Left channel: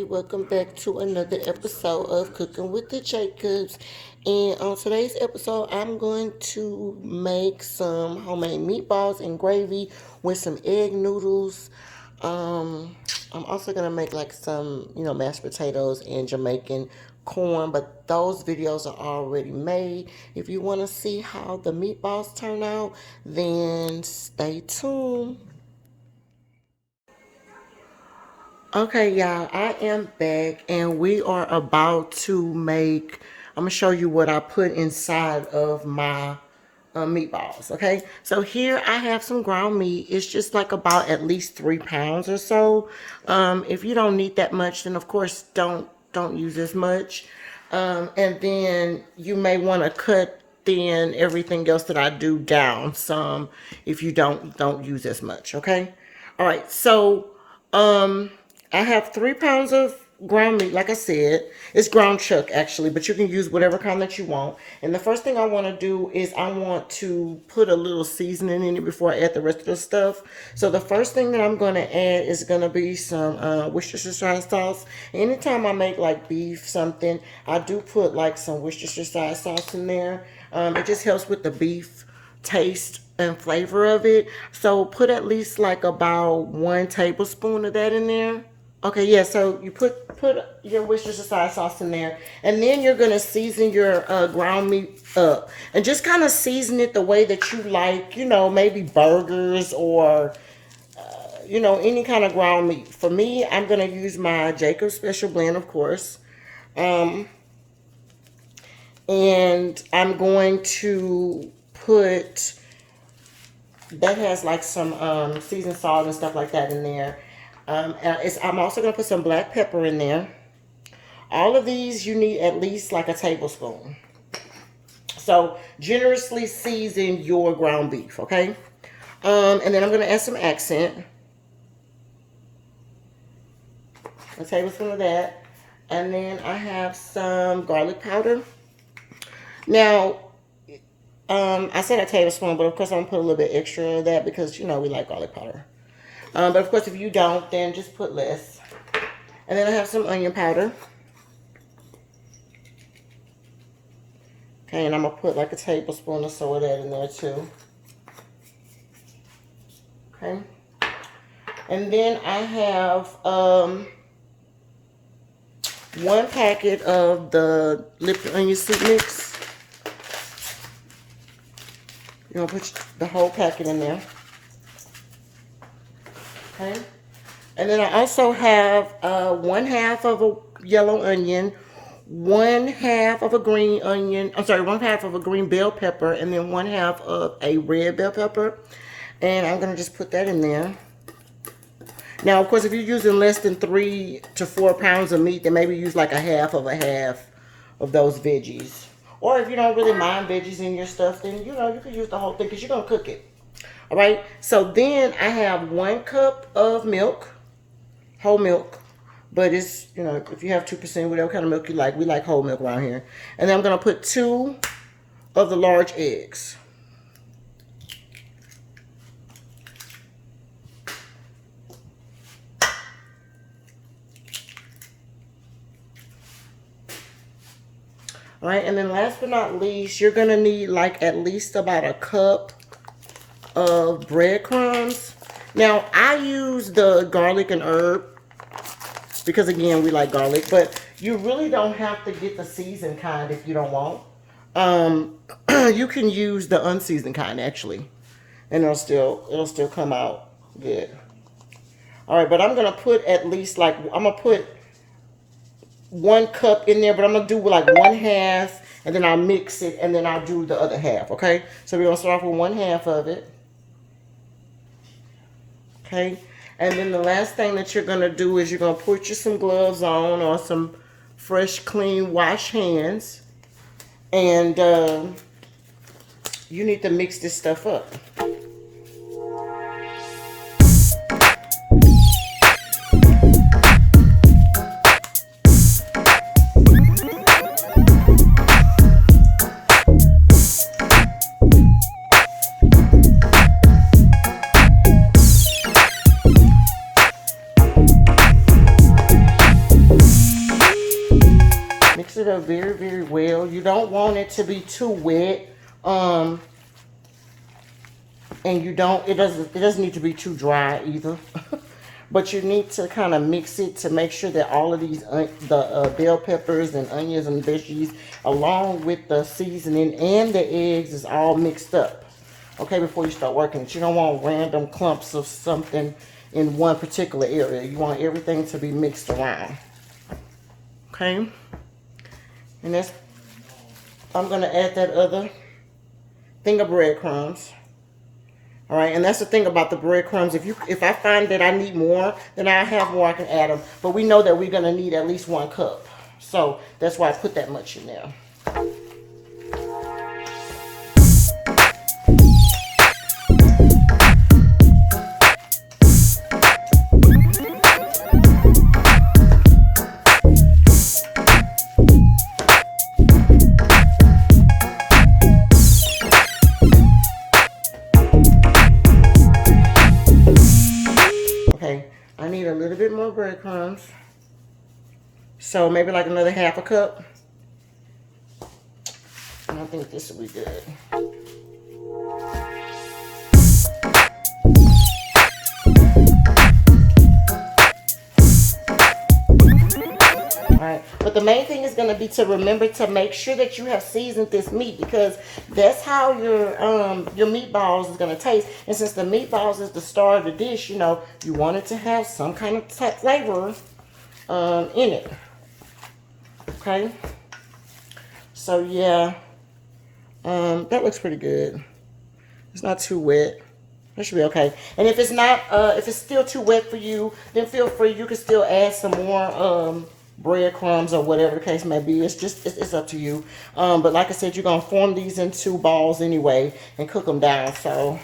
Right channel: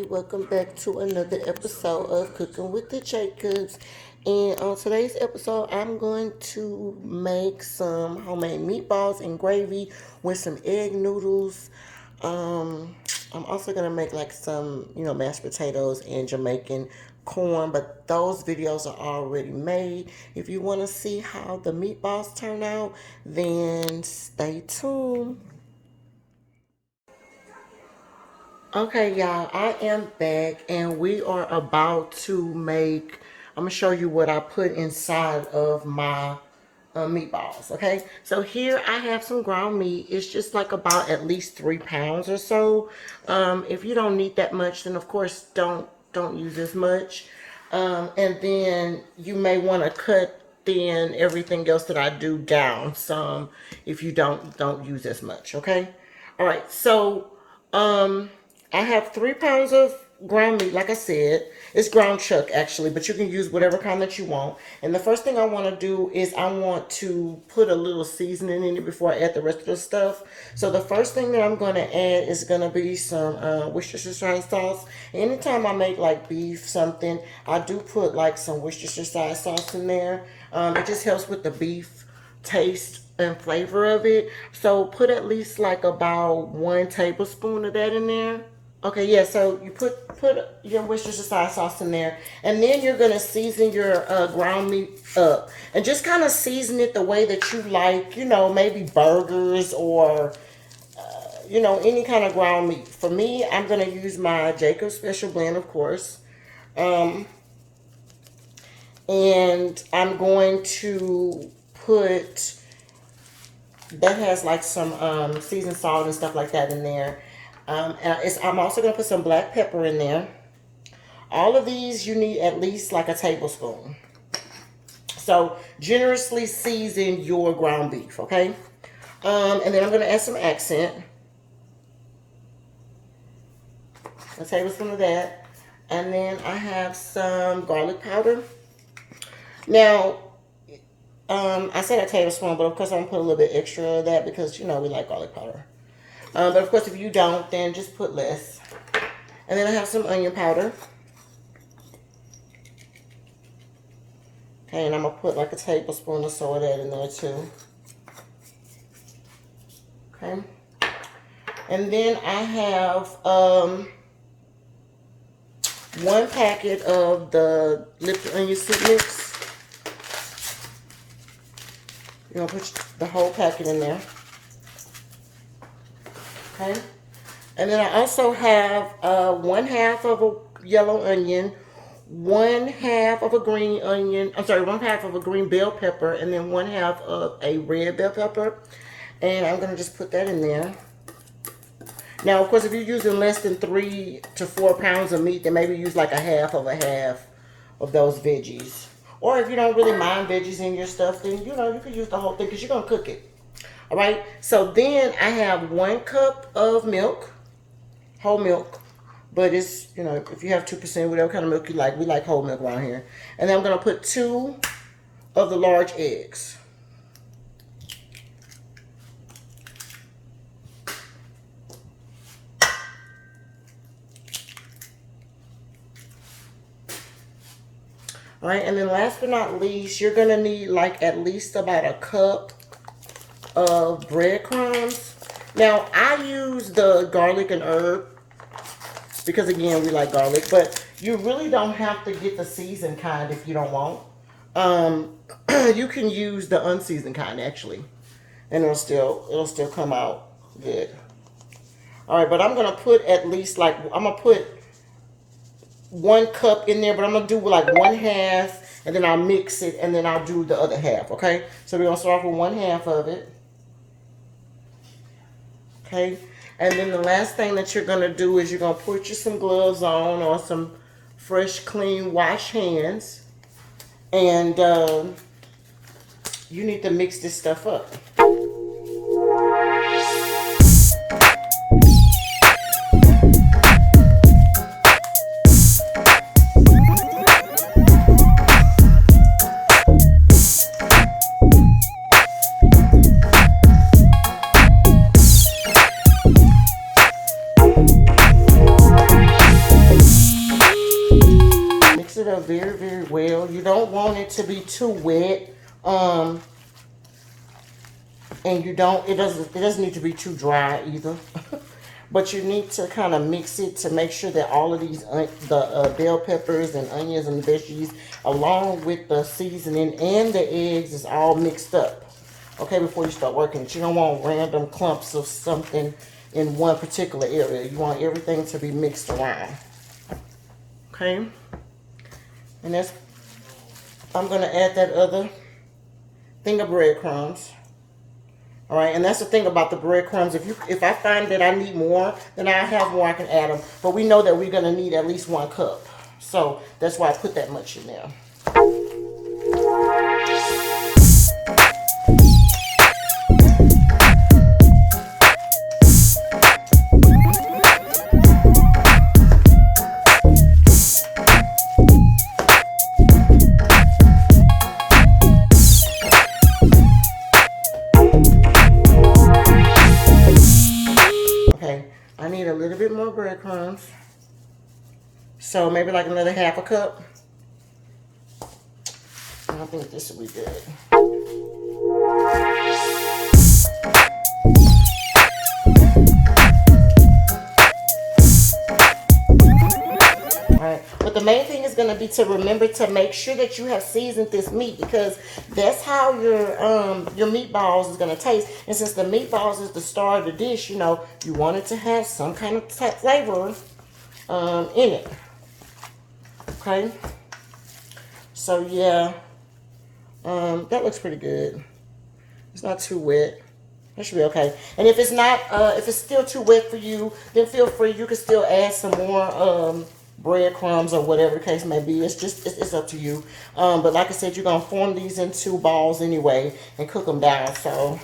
everybody, welcome back to another episode of Cooking with the Jacobs. And on today's episode, I'm going to make some homemade meatballs and gravy with some egg noodles. I'm also gonna make like some, mashed potatoes and Jamaican corn, but those videos are already made. If you want to see how the meatballs turn out, then stay tuned. Okay, y'all, I am back and we are about to make, I'm gonna show you what I put inside of my meatballs. Okay, so here I have some ground meat. It's just like about at least 3 pounds or so. If you don't need that much, then of course don't use as much. And then you may want to cut then everything else that I do down some if you don't use as much. Okay, all right, so I have 3 pounds of ground meat. Like I said, it's ground chuck actually, but you can use whatever kind that you want. And the first thing I want to do is I want to put a little seasoning in it before I add the rest of the stuff. So the first thing that I'm going to add is going to be some Worcestershire sauce. Anytime I make like beef something, I do put like some Worcestershire sauce in there. It just helps with the beef taste and flavor of it. So put at least like about 1 tablespoon of that in there. Okay, yeah, so you put your Worcestershire sauce in there, and then you're gonna season your ground meat up, and just kind of season it the way that you like. Maybe burgers or any kind of ground meat. For me, I'm gonna use my Jacob's Special Blend, of course, and I'm going to put that has like some seasoned salt and stuff like that in there. I'm also going to put some black pepper in there. All of these you need at least like a tablespoon. So generously season your ground beef, okay? And then I'm going to add some accent. A tablespoon of that. And then I have some garlic powder. Now, I said a tablespoon, but of course I'm going to put a little bit extra of that because, we like garlic powder. But of course, if you don't, then just put less. And then I have some onion powder. Okay, and I'm going to put like a tablespoon or so of that in there too. Okay. And then I have 1 packet of the Lipton onion soup mix. You're going to put the whole packet in there. Okay. And then I also have 1/2 of a yellow onion, 1/2 of a green onion, 1/2 of a green bell pepper, and then 1/2 of a red bell pepper. And I'm going to just put that in there. Now, of course, if you're using less than 3 to 4 pounds of meat, then maybe use like a half of those veggies. Or if you don't really mind veggies in your stuff, then, you can use the whole thing because you're going to cook it. All right, so then I have 1 cup of milk, whole milk, but it's, if you have 2%, whatever kind of milk you like, we like whole milk around here. And then I'm going to put 2 of the large eggs. All right, and then last but not least, you're going to need like at least about a cup of breadcrumbs. Now I use the garlic and herb because again we like garlic, but you really don't have to get the seasoned kind if you don't want. You can use the unseasoned kind actually, and it'll still come out good. All right, but I'm gonna put at least like I'm gonna put 1 cup in there, but I'm gonna do like 1/2, and then I'll mix it, and then I'll do the other half. Okay, so we're gonna start off with 1/2 of it. Okay, and then the last thing that you're going to do is you're going to put you some gloves on or some fresh, clean, washed hands. And you need to mix this stuff up. up very, very well. You don't want it to be too wet. And it doesn't need to be too dry either. But you need to kind of mix it to make sure that all of these bell peppers and onions and veggies, along with the seasoning and the eggs, is all mixed up. Okay, before you start working it. You don't want random clumps of something in one particular area. You want everything to be mixed around. Okay, and I'm gonna add that other thing of breadcrumbs. All right, and that's the thing about the breadcrumbs. If I find that I need more, then I have more, I can add them. But we know that we're gonna need at least 1 cup, so that's why I put that much in there. I need a little bit more breadcrumbs. So maybe like another 1/2 cup. I don't think this will be good. Alright, but the main thing is going to be to remember to make sure that you have seasoned this meat, because that's how your meatballs is going to taste. And since the meatballs is the star of the dish, you know, you want it to have some kind of flavor in it. Okay, so yeah, that looks pretty good. It's not too wet. That should be okay. And if it's not, if it's still too wet for you, then feel free. You can still add some more breadcrumbs or whatever the case may be. It's up to you. But like I said, you're gonna form these into balls anyway and cook them down. So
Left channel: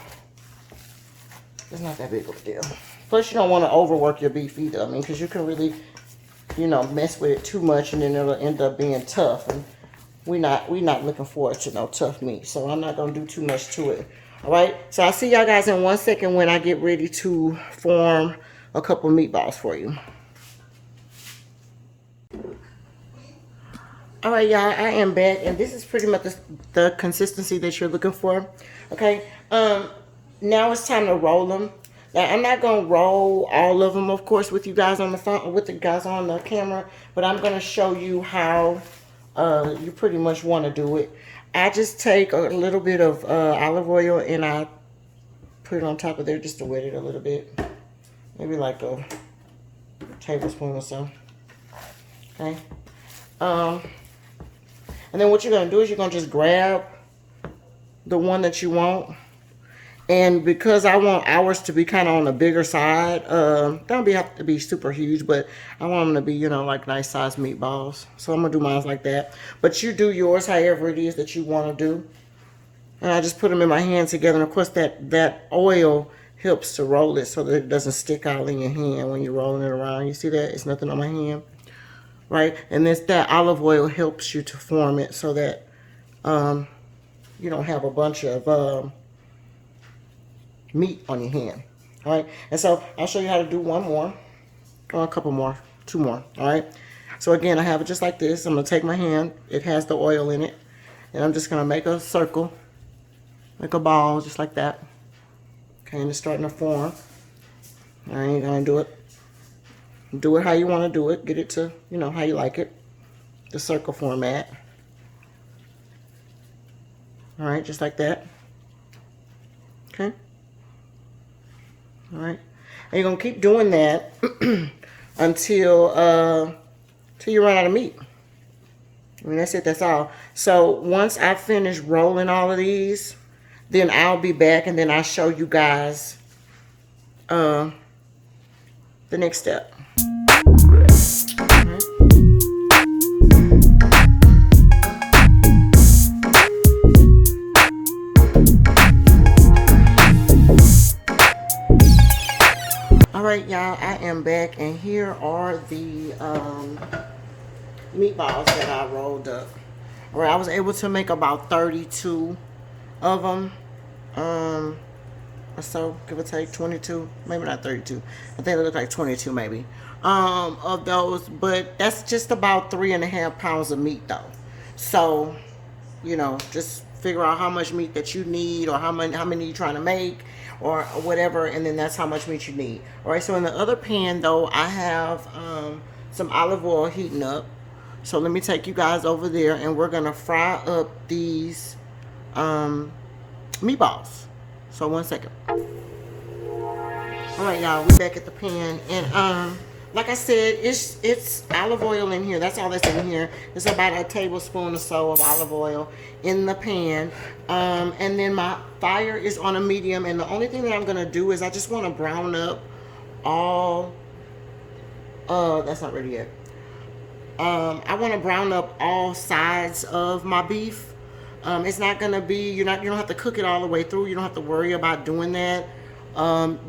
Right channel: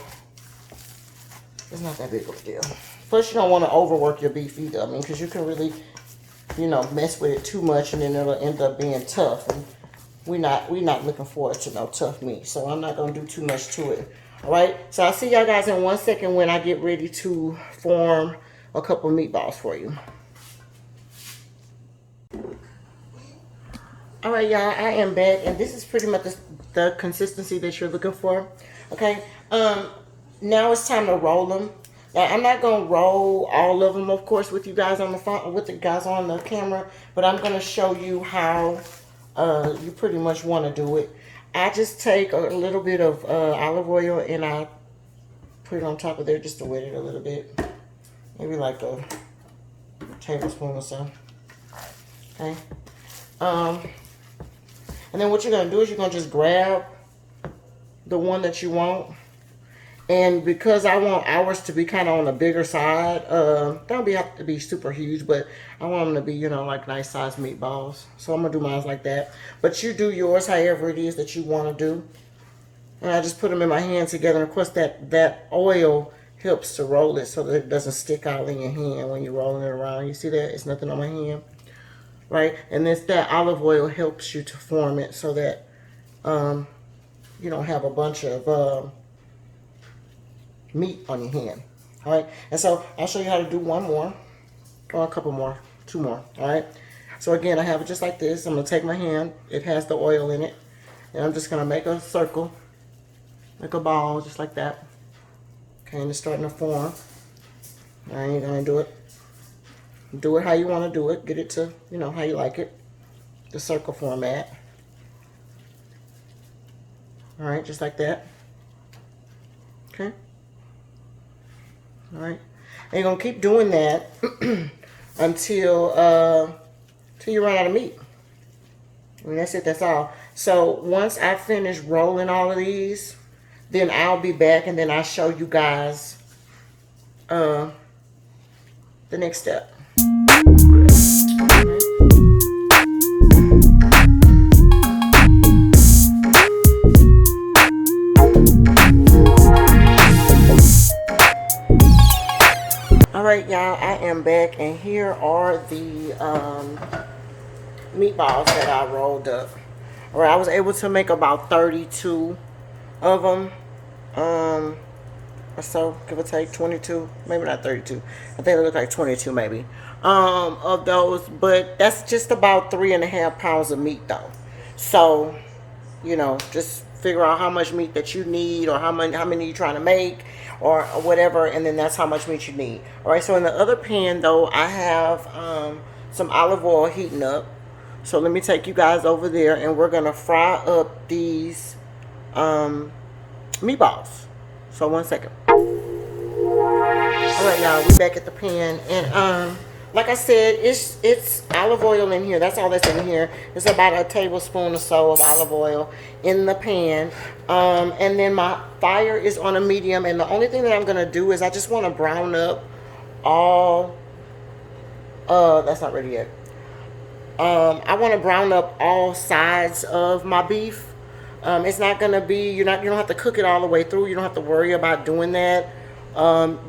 it's not that big of a deal. Plus, you don't want to overwork your beef either. I mean, because you can really, you know, mess with it too much and then it'll end up being tough. And we're not looking forward to no tough meat. So I'm not gonna do too much to it. All right. So I'll see y'all guys in 1 second when I get ready to form a couple meatballs for you. All right, y'all, I am back, and this is pretty much the consistency that you're looking for. Okay, now it's time to roll them. Now, I'm not gonna roll all of them, of course, with you guys on the phone, with the guys on the camera, but I'm gonna show you how you pretty much want to do it. I just take a little bit of olive oil and I put it on top of there just to wet it a little bit, maybe like a tablespoon or so. Okay. And then what you're going to do is you're going to just grab the one that you want. And because I want ours to be kind of on the bigger side, don't have to be super huge, but I want them to be, you know, like nice sized meatballs. So I'm going to do mine like that. But you do yours however it is that you want to do. And I just put them in my hand together. And of course that oil helps to roll it so that it doesn't stick out in your hand when you're rolling it around. You see that? It's nothing on my hand. Right, and that olive oil helps you to form it so that you don't have a bunch of meat on your hand. All right, and so I'll show you how to do one more, or a couple more, 2 more. All right, so again, I have it just like this. I'm gonna take my hand, it has the oil in it, and I'm just gonna make a circle, make a ball just like that. Okay, and it's starting to form. I ain't gonna do it. Do it how you want to do it. Get it to, you know, how you like it. The circle format. All right, just like that. Okay. All right. And you're going to keep doing that until you run out of meat. I mean, that's it. That's all. So once I finish rolling all of these, then I'll be back and then I'll show you guys the next step. Alright, y'all, I am back and here are the meatballs that I rolled up. Where I was able to make about 32 of them. or so, give or take 22, maybe not 32. I think it looked like 22 maybe. Of those, but that's just about 3.5 pounds of meat though. So, just figure out how much meat that you need, or how many you're trying to make, or whatever, and then that's how much meat you need. All right. So in the other pan though, I have some olive oil heating up. So let me take you guys over there, and we're gonna fry up these meatballs. So 1 second. All right, y'all, we back at the pan, and like I said, it's olive oil in here. That's all that's in here. It's about a tablespoon or so of olive oil in the pan, and then my fire is on a medium. And the only thing that I'm gonna do is I just want to brown up all. That's not ready yet. I want to brown up all sides of my beef. It's not gonna be you don't have to cook it all the way through. You don't have to worry about doing that.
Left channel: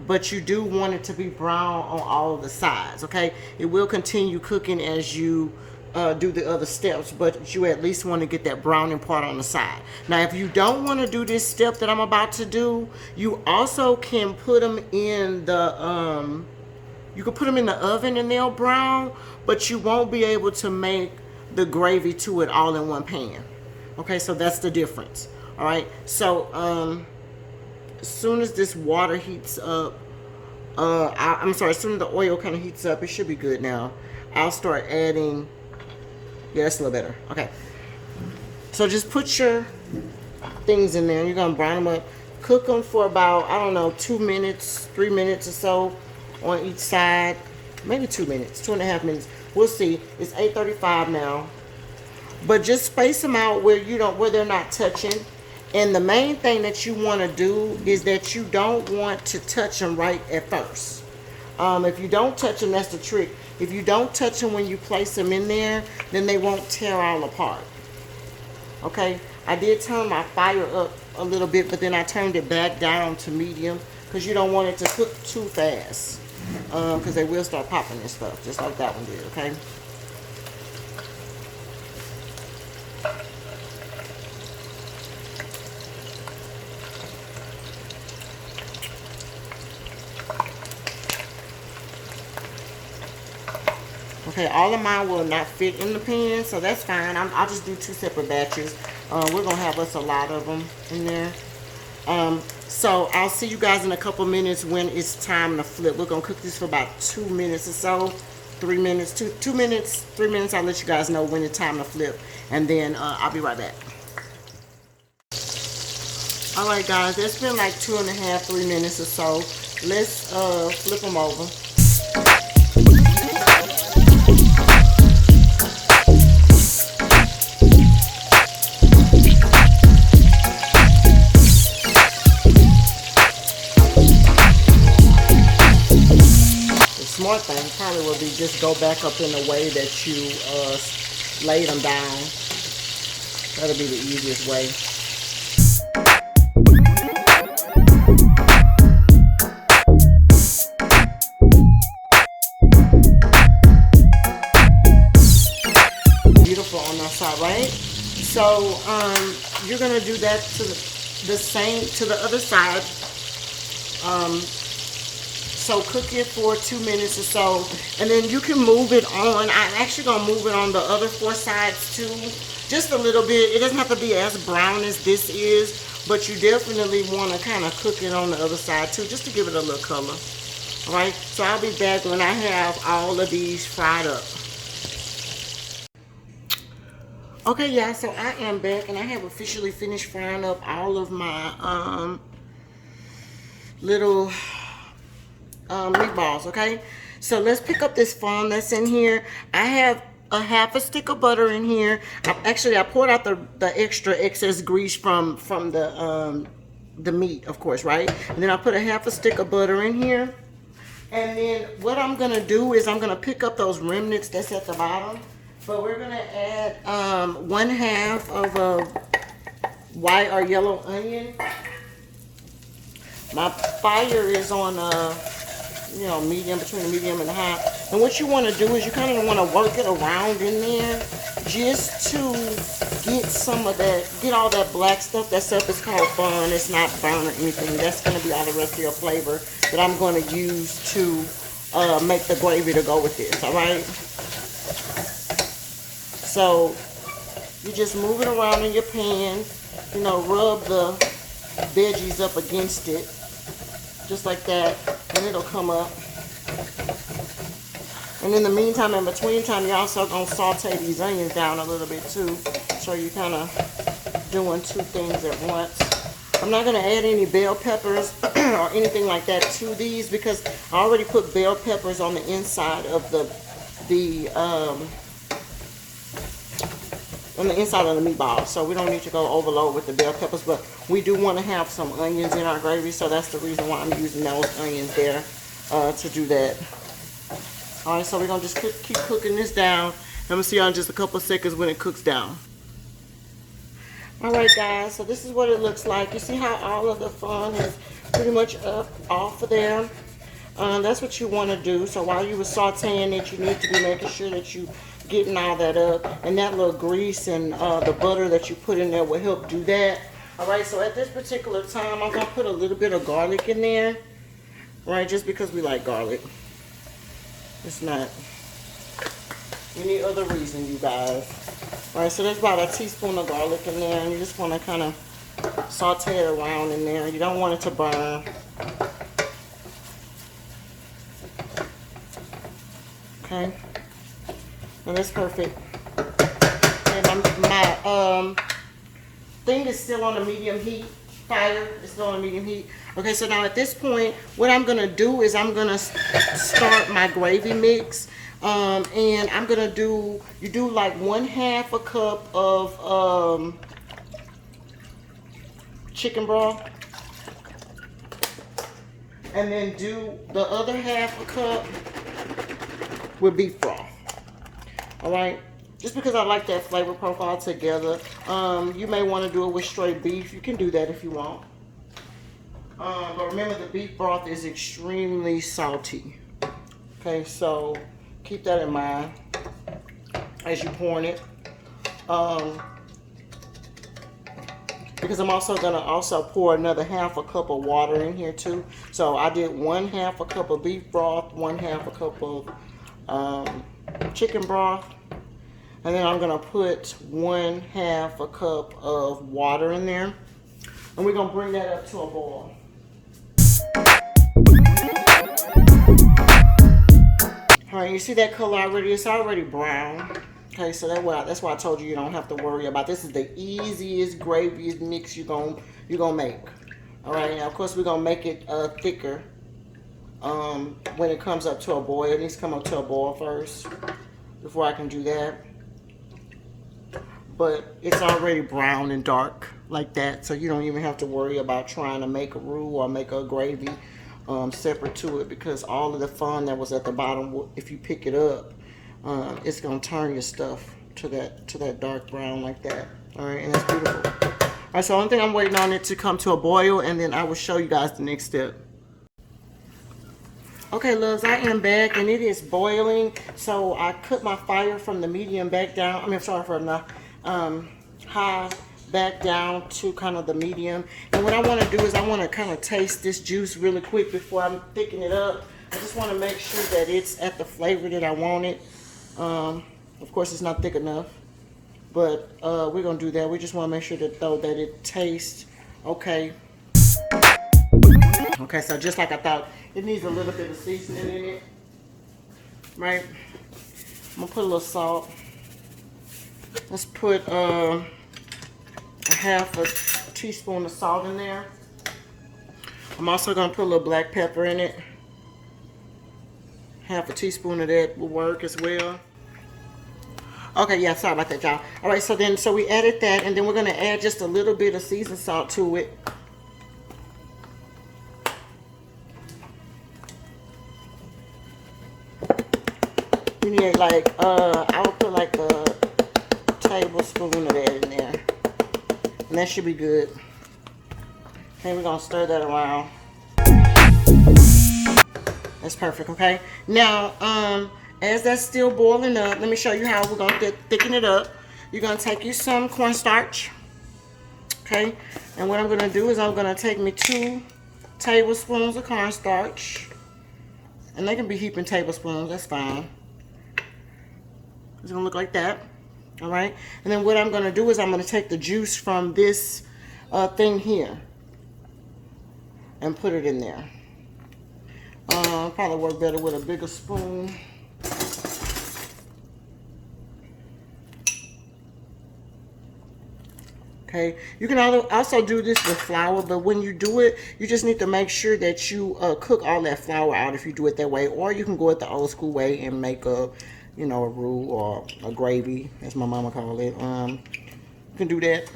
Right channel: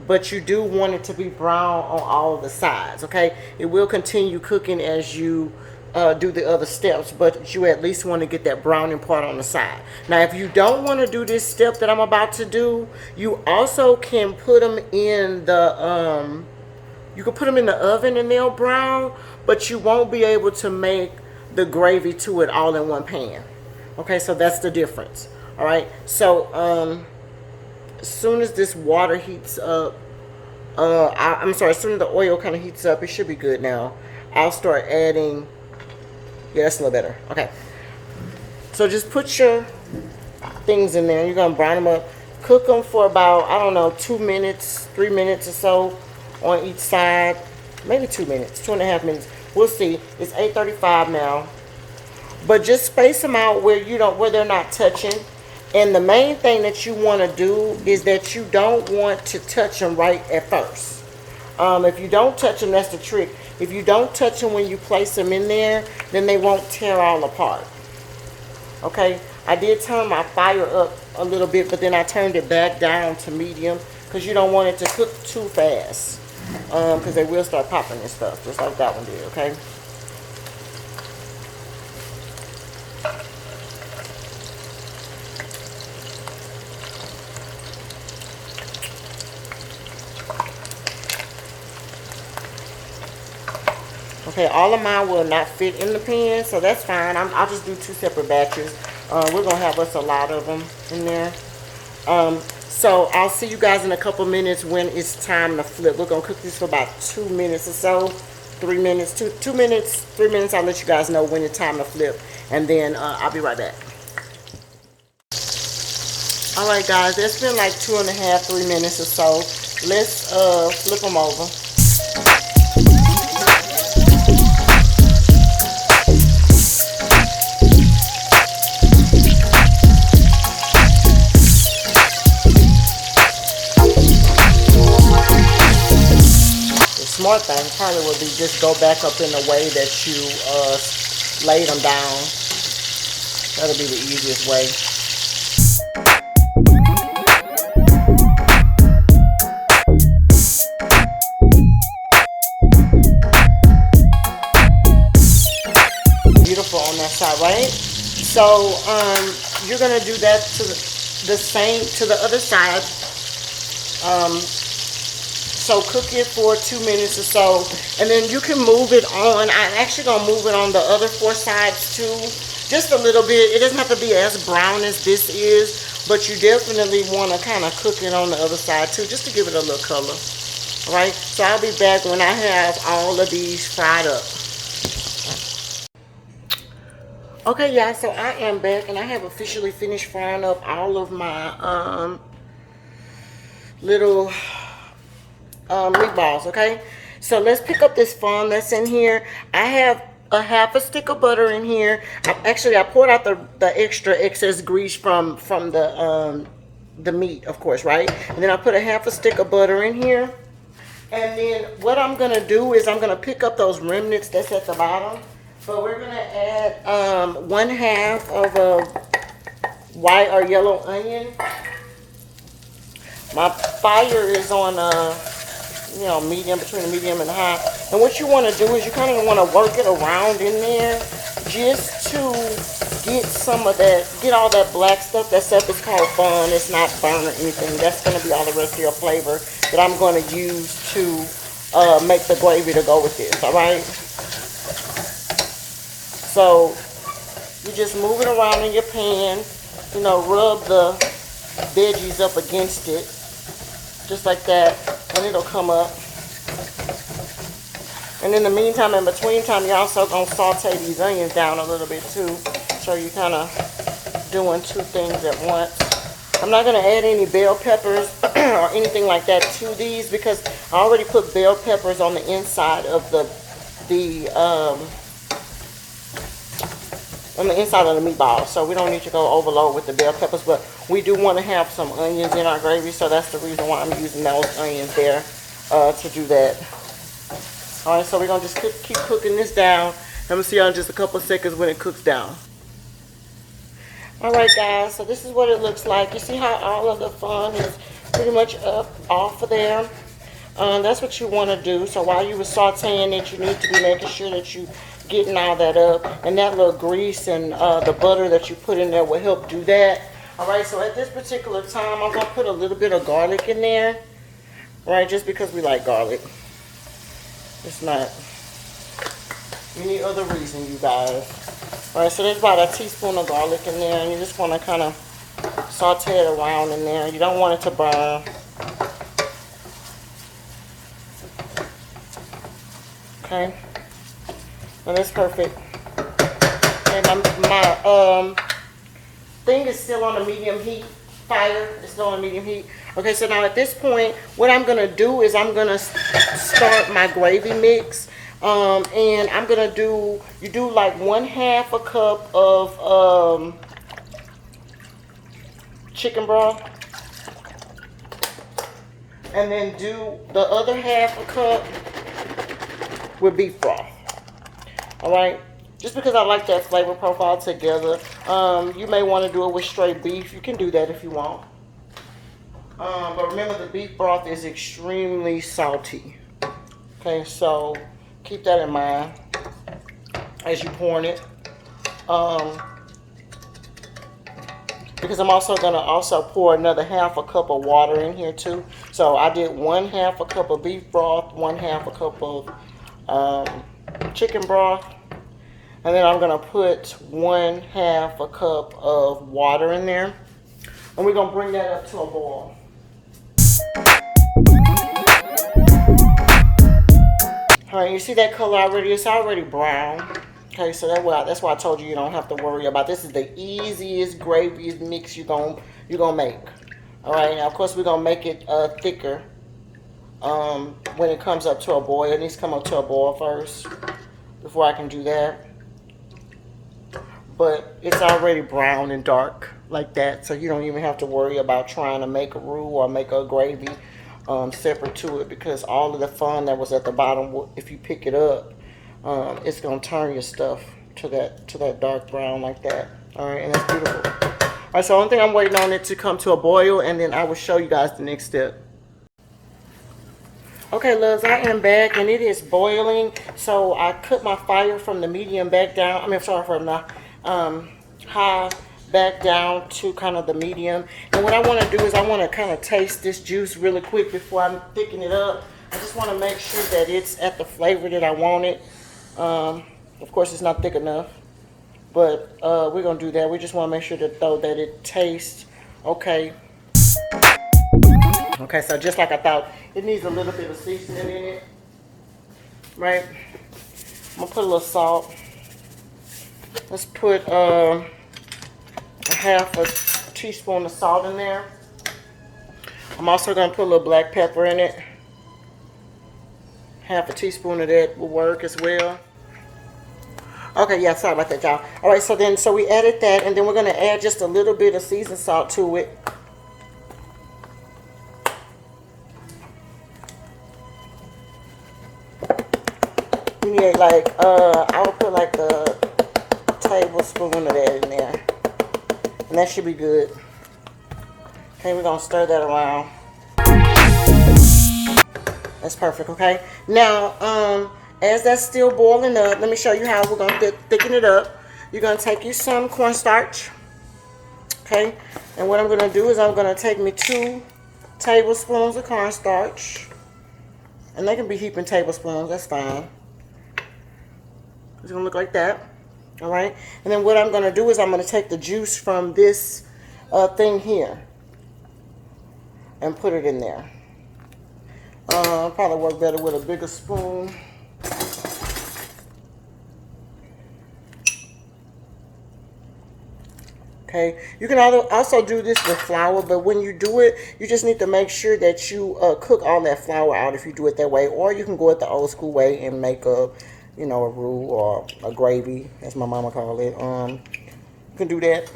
But you do want it to be brown on all of the sides. Okay, it will continue cooking as you do the other steps, but you at least want to get that browning part on the side. Now, if you don't want to do this step that I'm about to do, you also can put them in the you can put them in the oven and they'll brown, but you won't be able to make the gravy to it all in one pan. Okay, so that's the difference. All right, so as soon as this water heats up, I'm sorry, as soon as the oil kind of heats up, it should be good now. I'll start adding, yeah, that's a little better. Okay, so just put your things in there. You're gonna brown them up, cook them for about, I don't know, 2 minutes, 3 minutes or so on each side. Maybe 2 minutes, 2.5 minutes. We'll see. It's 8:35 now. But just space them out where they're not touching. And the main thing that you want to do is that you don't want to touch them right at first. If you don't touch them, that's the trick. If you don't touch them when you place them in there, then they won't tear all apart. Okay, I did turn my fire up a little bit, but then I turned it back down to medium because you don't want it to cook too fast, because they will start popping and stuff, just like that one did. Okay. Okay, all of mine will not fit in the pan, so that's fine. I'll just do 2 separate batches. We're going to have us a lot of them in there. So I'll see you guys in a couple minutes when it's time to flip. We're going to cook this for about 2 minutes or so. 3 minutes, 2 minutes, 3 minutes. I'll let you guys know when it's time to flip. And then I'll be right back. All right, guys, it's been like 2.5, 3 minutes or so. Let's flip them over. Smart thing probably would be just go back up in the way that you laid them down. That'll be the easiest way. Beautiful on that side, right? So you're gonna do that to the same to the other side. So cook it for 2 minutes or so, and then you can move it on. I'm actually gonna move it on the other 4 sides too, just a little bit. It doesn't have to be as brown as this is, but you definitely want to kind of cook it on the other side too, just to give it a little color. All right, so I'll be back when I have all of these fried up. Okay, y'all, so I am back, and I have officially finished frying up all of my little meatballs. Okay, so let's pick up this foam that's in here. I have a half a stick of butter in here. I poured out the extra excess grease from the meat, of course, right? And then I put a half a stick of butter in here. And then what I'm gonna do is I'm gonna pick up those remnants that's at the bottom. So we're gonna add 1/2 of a white or yellow onion. My fire is on medium, between medium and high. And what you want to do is you kind of want to work it around in there just to get some of that, get all that black stuff. That stuff is called fun. It's not burn or anything. That's going to be all the rest of your flavor that I'm going to use to make the gravy to go with this, all right? So you just move it around in your pan, you know, rub the veggies up against it, just like that, and it'll come up. And in the meantime, in between time, you're also going to saute these onions down a little bit too. So you're kind of doing two things at once. I'm not going to add any bell peppers or anything like that to these because I already put bell peppers on the inside of on the inside of the meatball. So we don't need to go overload with the bell peppers, but we do want to have some onions in our gravy. So that's the reason why I'm using those onions there to do that. Alright, so we're going to just keep cooking this down. And we'll see y'all in just a couple seconds when it cooks down. Alright guys, so this is what it looks like. You see how all of the fun is pretty much up off of there. That's what you want to do. So while you were sauteing it, you need to be making sure that you getting all that up. And that little grease and the butter that you put in there will help do that. Alright, so at this particular time, I'm going to put a little bit of garlic in there. Right, just because we like garlic. It's not any other reason, you guys. Alright, so there's about a teaspoon of garlic in there, and you just want to kind of saute it around in there. You don't want it to burn. Okay, so that's perfect. And my thing is still on a medium heat. Fire is still on medium heat. Okay, so now at this point, what I'm gonna do is I'm gonna start my gravy mix, and I'm gonna do, you do like 1/2 a cup of chicken broth, and then do the other 1/2 a cup with beef broth. All right. Just because I like that flavor profile together. You may want to do it with straight beef. You can do that if you want. But remember, the beef broth is extremely salty. Okay, so keep that in mind as you pour it. Because I'm also going to pour another 1/2 a cup of water in here too. So I did 1/2 a cup of beef broth, 1/2 a cup of chicken broth. And then I'm going to put 1/2 a cup of water in there. And we're going to bring that up to a boil. All right, you see that color already? It's already brown. Okay, so that's why I told you don't have to worry about. This is the easiest gravy mix you're gonna make. All right, now of course we're gonna make it thicker when it comes up to a boil. It needs to come up to a boil first before I can do that. But it's already brown and dark like that, so you don't even have to worry about trying to make a roux or make a gravy separate to it, because all of the fun that was at the bottom, if you pick it up, it's gonna turn your stuff to that dark brown like that. All right, and that's beautiful. All right, so the only thing I'm waiting on it to come to a boil, and then I will show you guys the next step. Okay, loves, I am back and it is boiling. So I cut my fire from the medium back down. I mean, sorry, from the high back down to kind of the medium. And what I want to do is I want to kind of taste this juice really quick before I thicken it up. I just want to make sure that it's at the flavor that I want it. Of course, it's not thick enough, but we're going to do that. We just want to make sure that it tastes okay. Okay, so just like I thought, it needs a little bit of seasoning in it, right? I'm going to put a little salt. Let's put a 1/2 teaspoon of salt in there. I'm also going to put a little black pepper in it. 1/2 teaspoon of that will work as well. Okay, yeah, sorry about that, y'all. All right, so we added that, and then we're going to add just a little bit of seasoned salt to it. You need like, I would put like a tablespoon of that in there. And that should be good. Okay, we're going to stir that around. That's perfect, okay? Now, as that's still boiling up, let me show you how we're going to thicken it up. you're gonna take you some cornstarch, okay? And what I'm gonna do is I'm gonna take me 2 tablespoons of cornstarch, and they can be heaping tablespoons, that's fine. It's gonna look like that, all right? And then what I'm gonna do is I'm gonna take the juice from this thing here and put it in there. Probably work better with a bigger spoon. Okay, you can also do this with flour, but when you do it, you just need to make sure that you cook all that flour out if you do it that way, or you can go it the old school way and make a, you know, a roux or a gravy, as my mama called it. You can do that.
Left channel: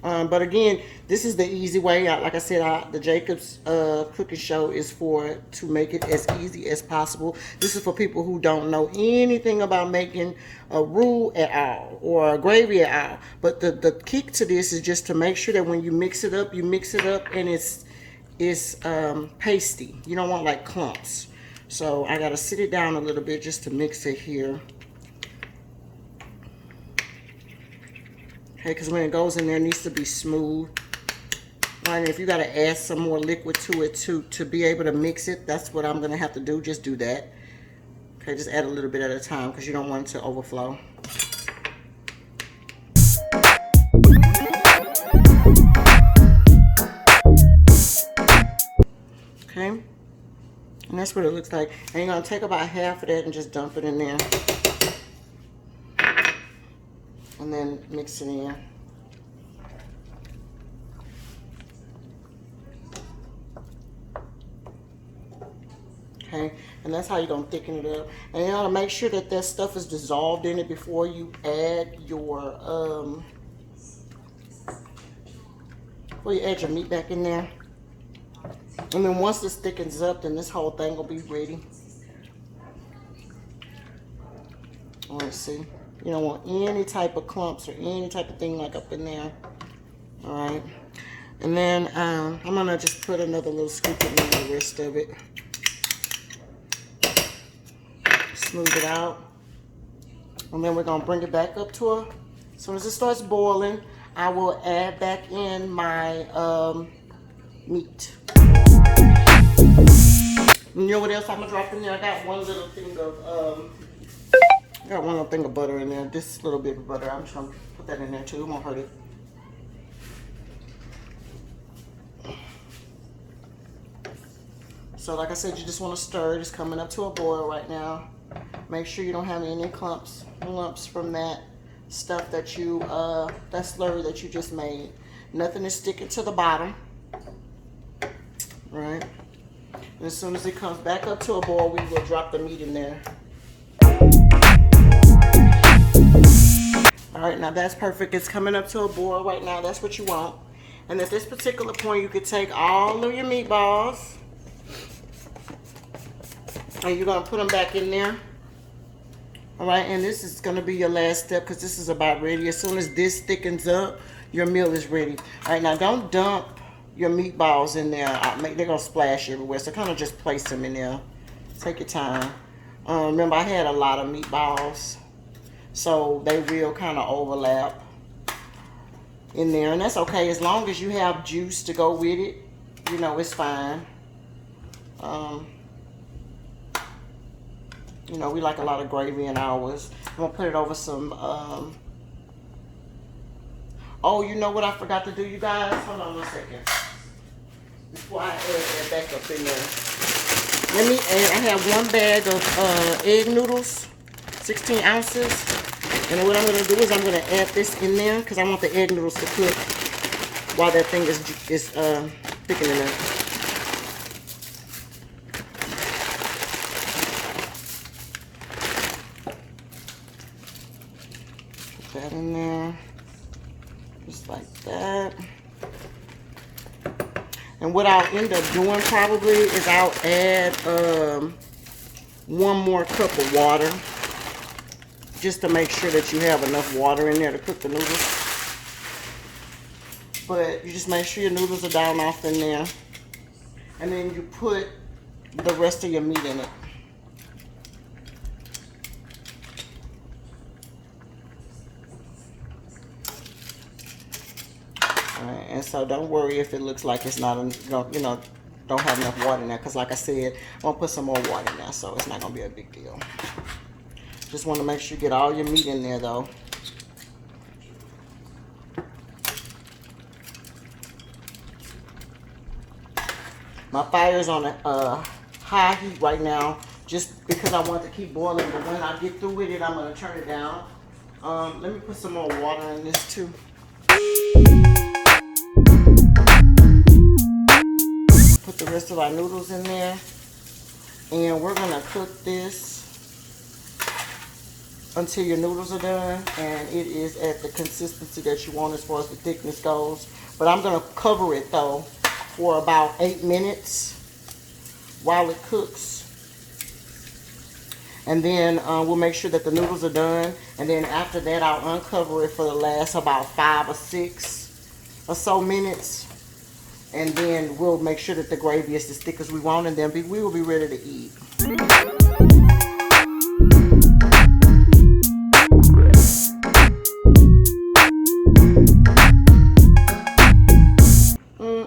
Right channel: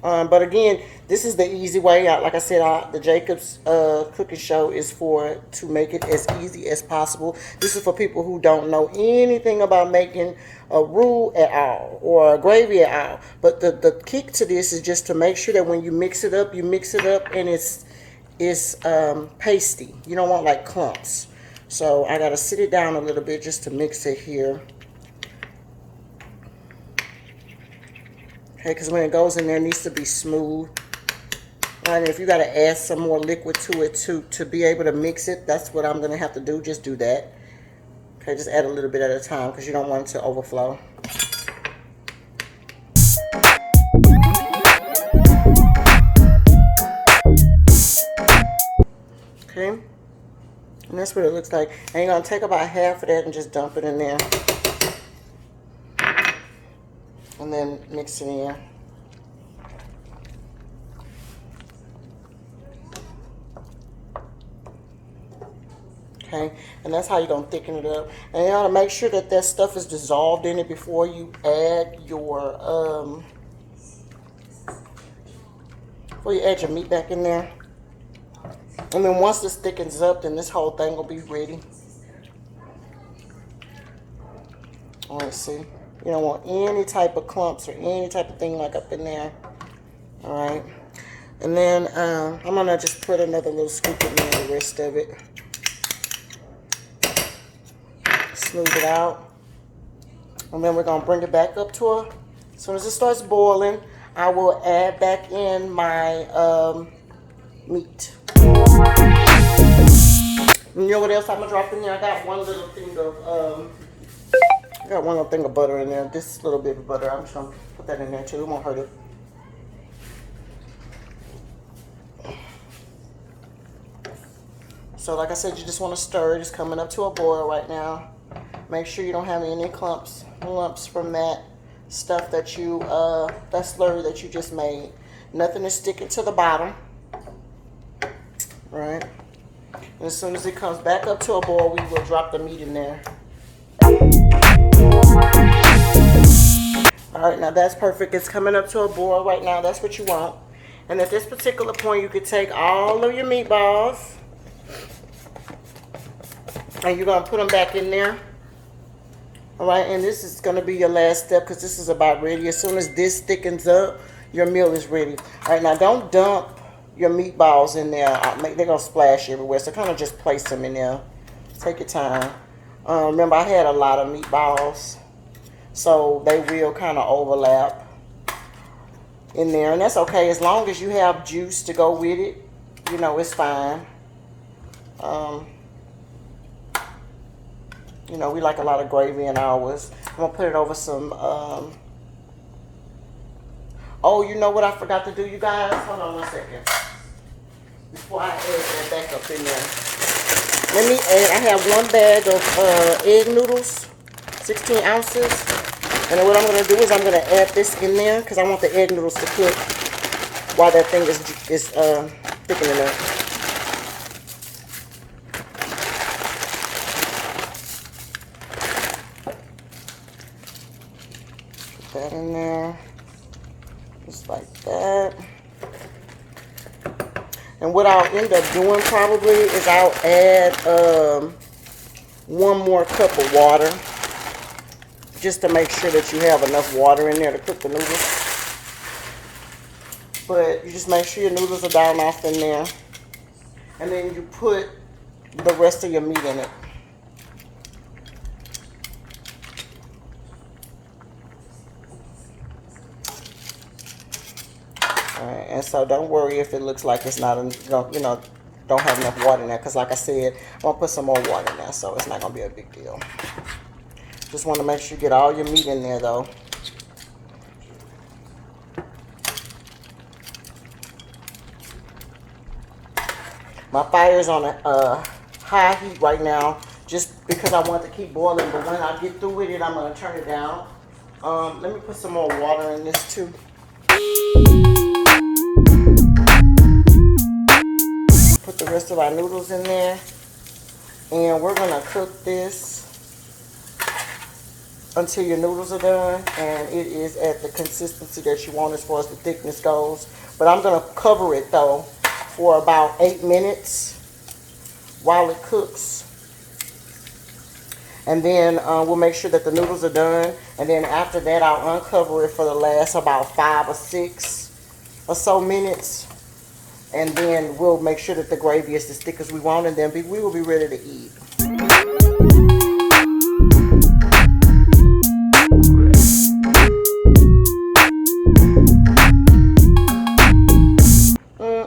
But again, this is the easy way. Like I said, the Jacob's cooking show is to make it as easy as possible. This is for people who don't know anything about making a roux at all or a gravy at all. But the kick to this is just to make sure that when you mix it up and it's pasty. You don't want like clumps. So I gotta sit it down a little bit just to mix it here. Okay, because when it goes in there, it needs to be smooth. And if you got to add some more liquid to it to be able to mix it, that's what I'm going to have to do. Just do that. Okay, just add a little bit at a time because you don't want it to overflow. Okay, and that's what it looks like. And you're going to take about half of that and just dump it in there. And then mix it in. Okay, and that's how you're gonna thicken it up. And you gotta make sure that stuff is dissolved in it before you add your meat back in there. And then once this thickens up, then this whole thing will be ready. Let's see. You don't want any type of clumps or any type of thing like up in there. All right. And then I'm going to just put another little scoop in there, the rest of it. Smooth it out. And then we're going to bring it back up to her. As soon as it starts boiling, I will add back in my meat. And you know what else I'm going to drop in there? I got one little thing of butter in there. This little bit of butter. I'm just going to put that in there too. It won't hurt it. So like I said, you just want to stir it. It's coming up to a boil right now. Make sure you don't have any lumps from that stuff that that slurry that you just made. Nothing is sticking to the bottom. Right? And as soon as it comes back up to a boil, we will drop the meat in there. All right, now that's perfect. It's coming up to a boil right now. That's what you want. And at this particular point, you could take all of your meatballs and you're going to put them back in there. All right, and this is going to be your last step because this is about ready. As soon as this thickens up, your meal is ready. All right, now don't dump your meatballs in there. They're going to splash everywhere, so kind of just place them in there. Take your time. Remember, I had a lot of meatballs, so they will kind of overlap in there, and that's okay. As long as you have juice to go with it, you know, it's fine. You know, we like a lot of gravy in ours. I'm going to put it over some, oh, you know what I forgot to do, you guys? Hold on 1 second. Before I add that back up in there. Let me add, I have 1 bag of egg noodles, 16 ounces. And then what I'm going to do is I'm going to add this in there because I want the egg noodles to cook while that thing is thickening up. That in there, just like that. And what I'll end up doing probably is I'll add 1 more cup of water just to make sure that you have enough water in there to cook the noodles. But you just make sure your noodles are down off in there, and then you put the rest of your meat in it. and so don't worry if it looks like it's not, you know, don't have enough water in there, because like I said, I'm gonna put some more water in there, so it's not gonna be a big deal. Just want to make sure you get all your meat in there though. My fire's on a high heat right now, just because I want it to keep boiling, but when I get through with it, I'm gonna turn it down. Let me put some more water in this too. Put the rest of our noodles in there, and we're gonna cook this until your noodles are done, and it is at the consistency that you want as far as the thickness goes. But I'm gonna cover it though for about 8 minutes while it cooks, and then we'll make sure that the noodles are done, and then after that I'll uncover it for the last about 5 or 6 or so minutes, and then we'll make sure that the gravy is as thick as we want, and then we will be ready to eat.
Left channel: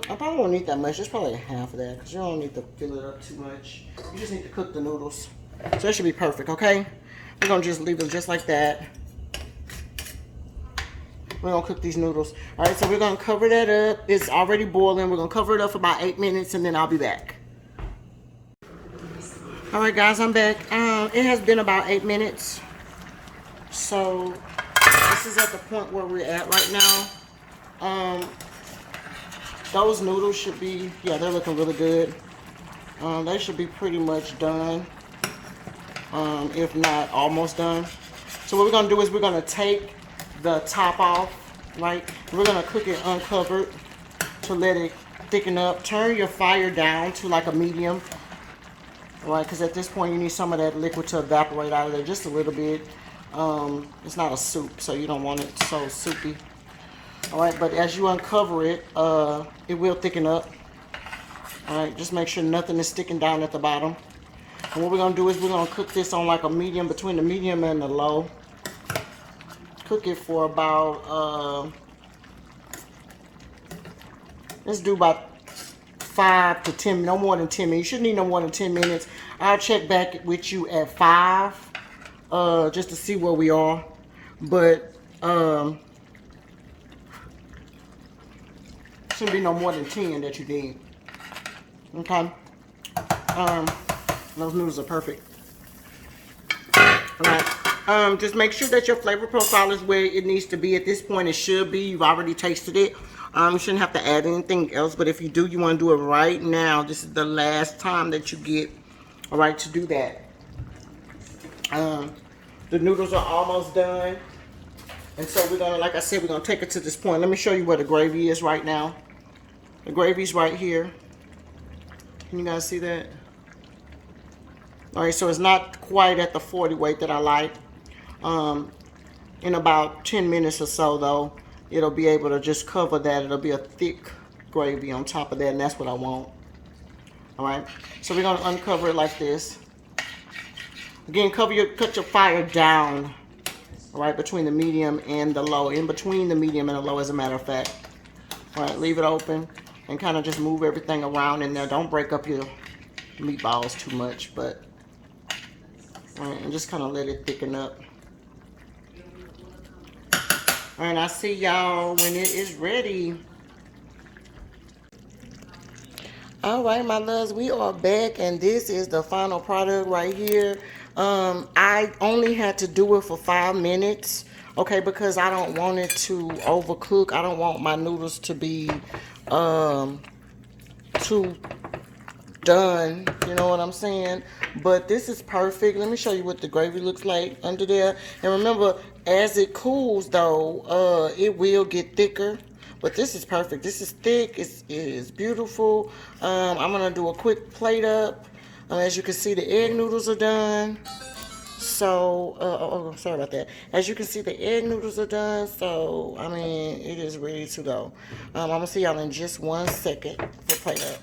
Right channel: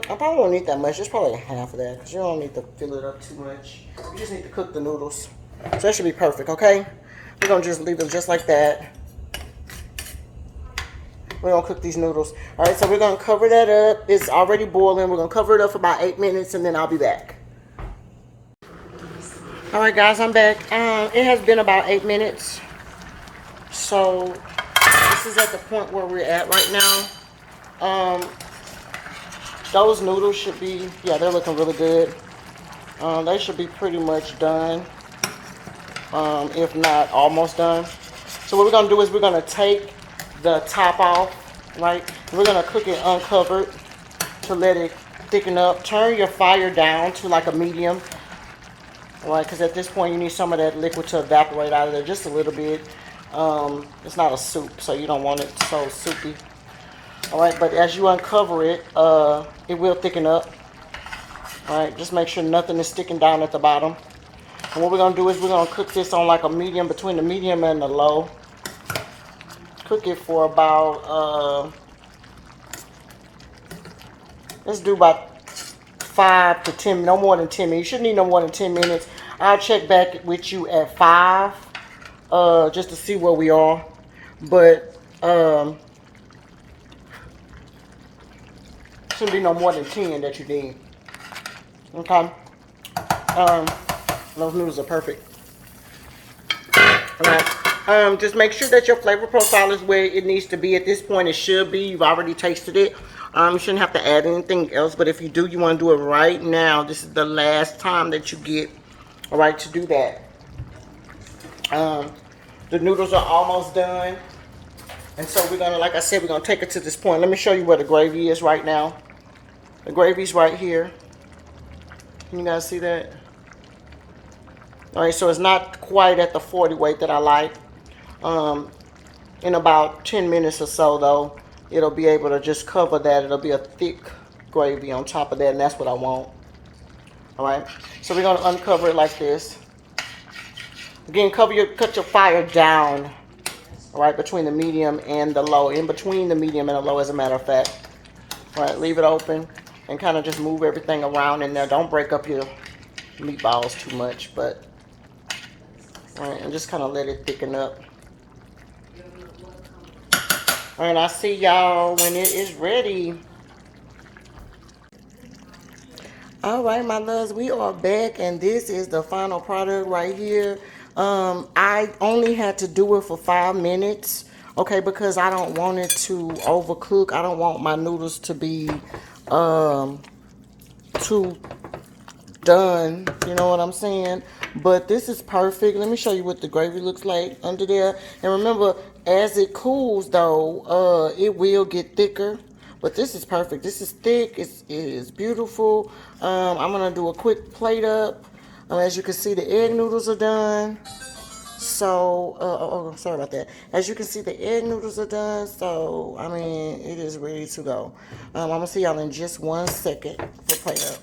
I probably don't need that much. Just probably half of that, because you don't need to fill it up too much. You just need to cook the noodles. So that should be perfect, okay? We're going to just leave them just like that. We're going to cook these noodles. All right, so we're going to cover that up. It's already boiling. We're going to cover it up for about 8 minutes, and then I'll be back. All right, guys, I'm back. It has been about 8 minutes. So this is at the point where we're at right now. Those noodles should be, yeah, they're looking really good. They should be pretty much done, if not almost done. So what we're gonna do is we're gonna take the top off, right? We're gonna cook it uncovered to let it thicken up. Turn your fire down to like a medium, all right? Because at this point you need some of that liquid to evaporate out of there just a little bit. It's not a soup, so you don't want it so soupy. All right, but as you uncover it, it will thicken up. All right, just make sure nothing is sticking down at the bottom. And what we're gonna do is we're gonna cook this on like a medium, between the medium and the low. Cook it for about, let's do about 5 to 10, no more than 10 minutes. You shouldn't need no more than 10 minutes. I'll check back with you at 5, just to see where we are. But, shouldn't be no more than 10 that you need. Okay. Those noodles are perfect. Alright. Just make sure that your flavor profile is where it needs to be. At this point it should be. You've already tasted it. You shouldn't have to add anything else, but if you do, you want to do it right now. This is the last time that you get a right to do that. The noodles are almost done, and so we're gonna, like I said, we're gonna take it to this point. Let me show you where the gravy is right now. The gravy's right here. Can you guys see that? All right, so it's not quite at the 40 weight that I like. In about 10 minutes or so, though, it'll be able to just cover that. It'll be a thick gravy on top of that, and that's what I want. All right, so we're gonna uncover it like this. Again, cut your fire down, right between the medium and the low. In between the medium and the low, as a matter of fact. All right, leave it open and kind of just move everything around in there. Don't break up your meatballs too much, but all right, and just kind of let it thicken up. All right, I'll see y'all when it is ready. All right, my loves, we are back, and this is the final product right here. I only had to do it for 5 minutes, okay, because I don't want it to overcook. I don't want my noodles to be too done, you know what I'm saying? But this is perfect. Let me show you what the gravy looks like under there. And remember, as it cools though, it will get thicker. But this is perfect. This is thick. It is beautiful. I'm gonna do a quick plate up. As you can see, the egg noodles are done. So, sorry about that. As you can see, the egg noodles are done. So, I mean, it is ready to go. I'm gonna see y'all in just 1 second for plate up.